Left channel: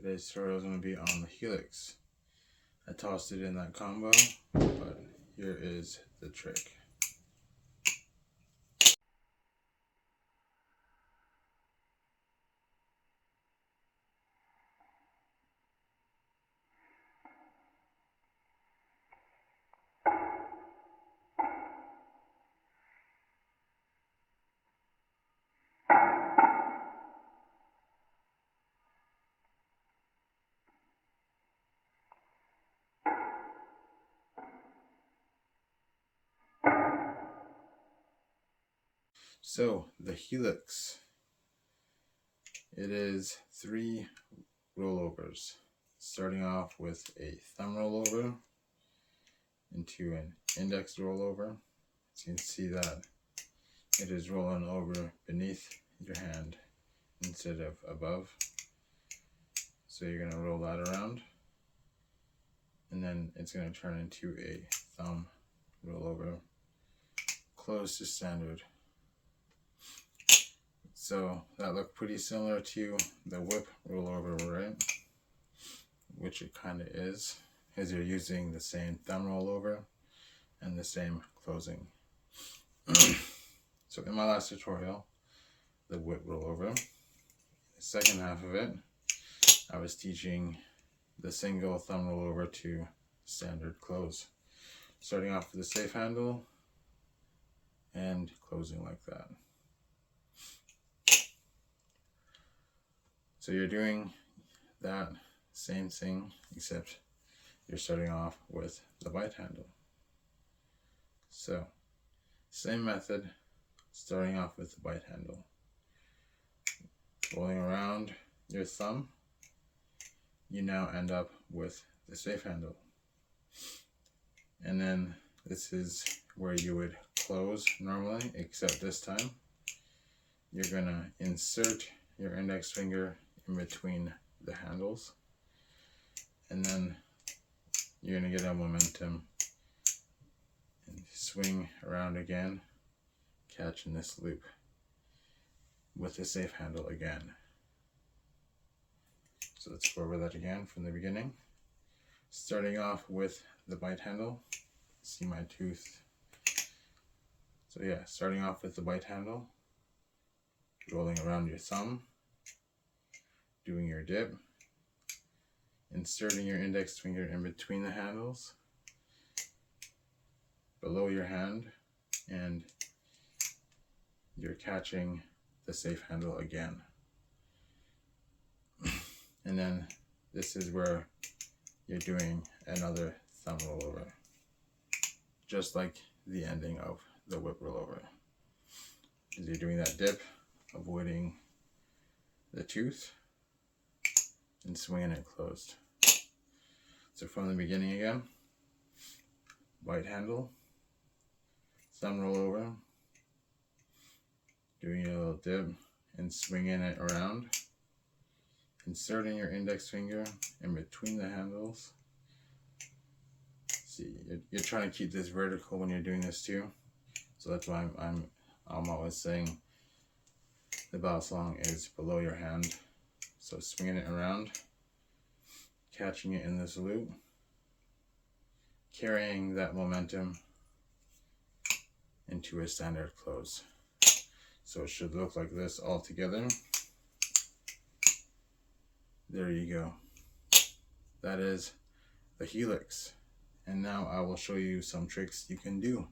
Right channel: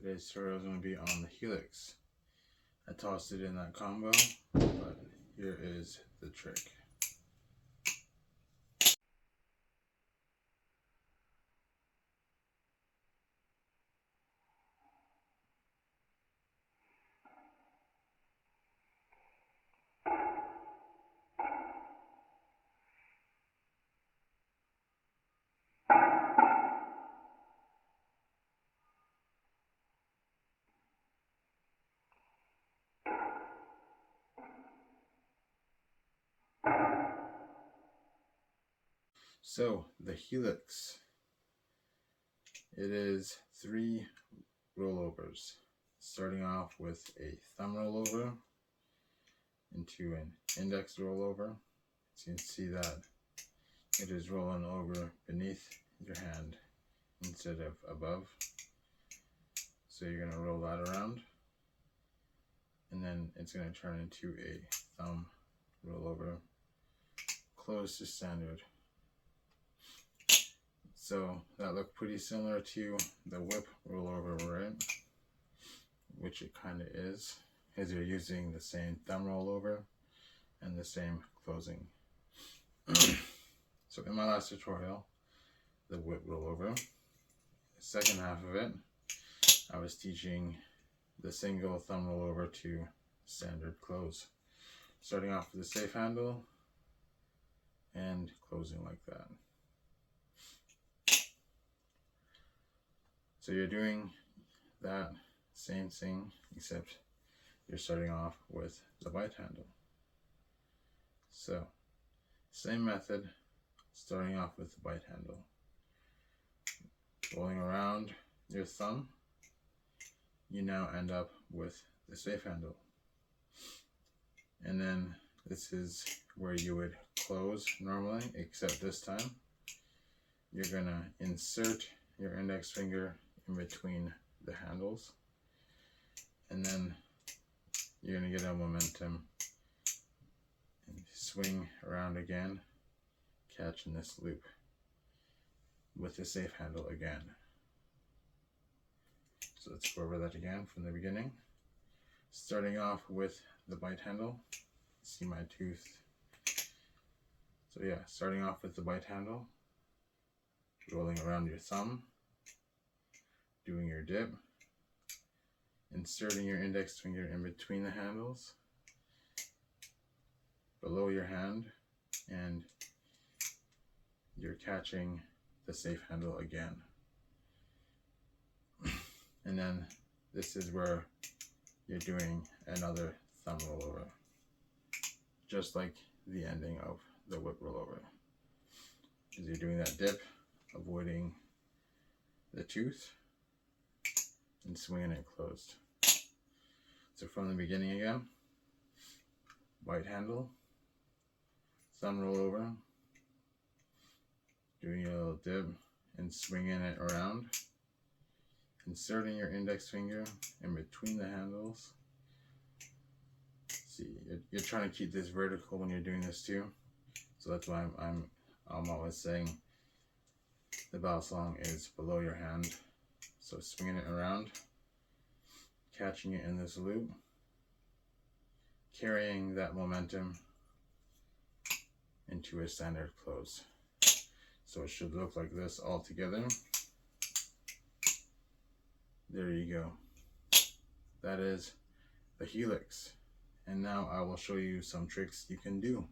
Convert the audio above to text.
Today's tutorial is going to be on the Helix. I tossed it in that combo, but here is the trick. So, the Helix, it is 3 rollovers, starting off with a thumb rollover into an index rollover. As you can see that it is rolling over beneath your hand instead of above. So you're going to roll that around, and then it's going to turn into a thumb rollover, close to standard. So that looked pretty similar to the whip rollover, right? Which it kind of is, as you're using the same thumb rollover and the same closing. So in my last tutorial, the whip rollover, the second half of it, I was teaching the single thumb rollover to standard close, starting off with the safe handle and closing like that. So you're doing that same thing, except you're starting off with the bite handle. So, same method, starting off with the bite handle. Rolling around your thumb, you now end up with the safe handle. And then this is where you would close normally, except this time you're gonna insert your index finger in between the handles, and then you're going to get a momentum and swing around again, catching this loop with the safe handle again. So let's go over that again from the beginning. Starting off with the bite handle. See my tooth. So yeah, starting off with the bite handle, rolling around your thumb, doing your dip, inserting your index finger in between the handles, below your hand, and you're catching the safe handle again. And then this is where you're doing another thumb rollover, just like the ending of the whip rollover. As you're doing that dip, avoiding the tooth, and swinging it closed. So from the beginning again, bite handle, thumb rollover, doing a little dip and swinging it around, inserting your index finger in between the handles. See, you're trying to keep this vertical when you're doing this too, so that's why I'm always saying the Balisong is below your hand. So swinging it around, catching it in this loop, carrying that momentum into a standard close. So it should look like this all together. There you go. That is the Helix. And now I will show you some tricks you can do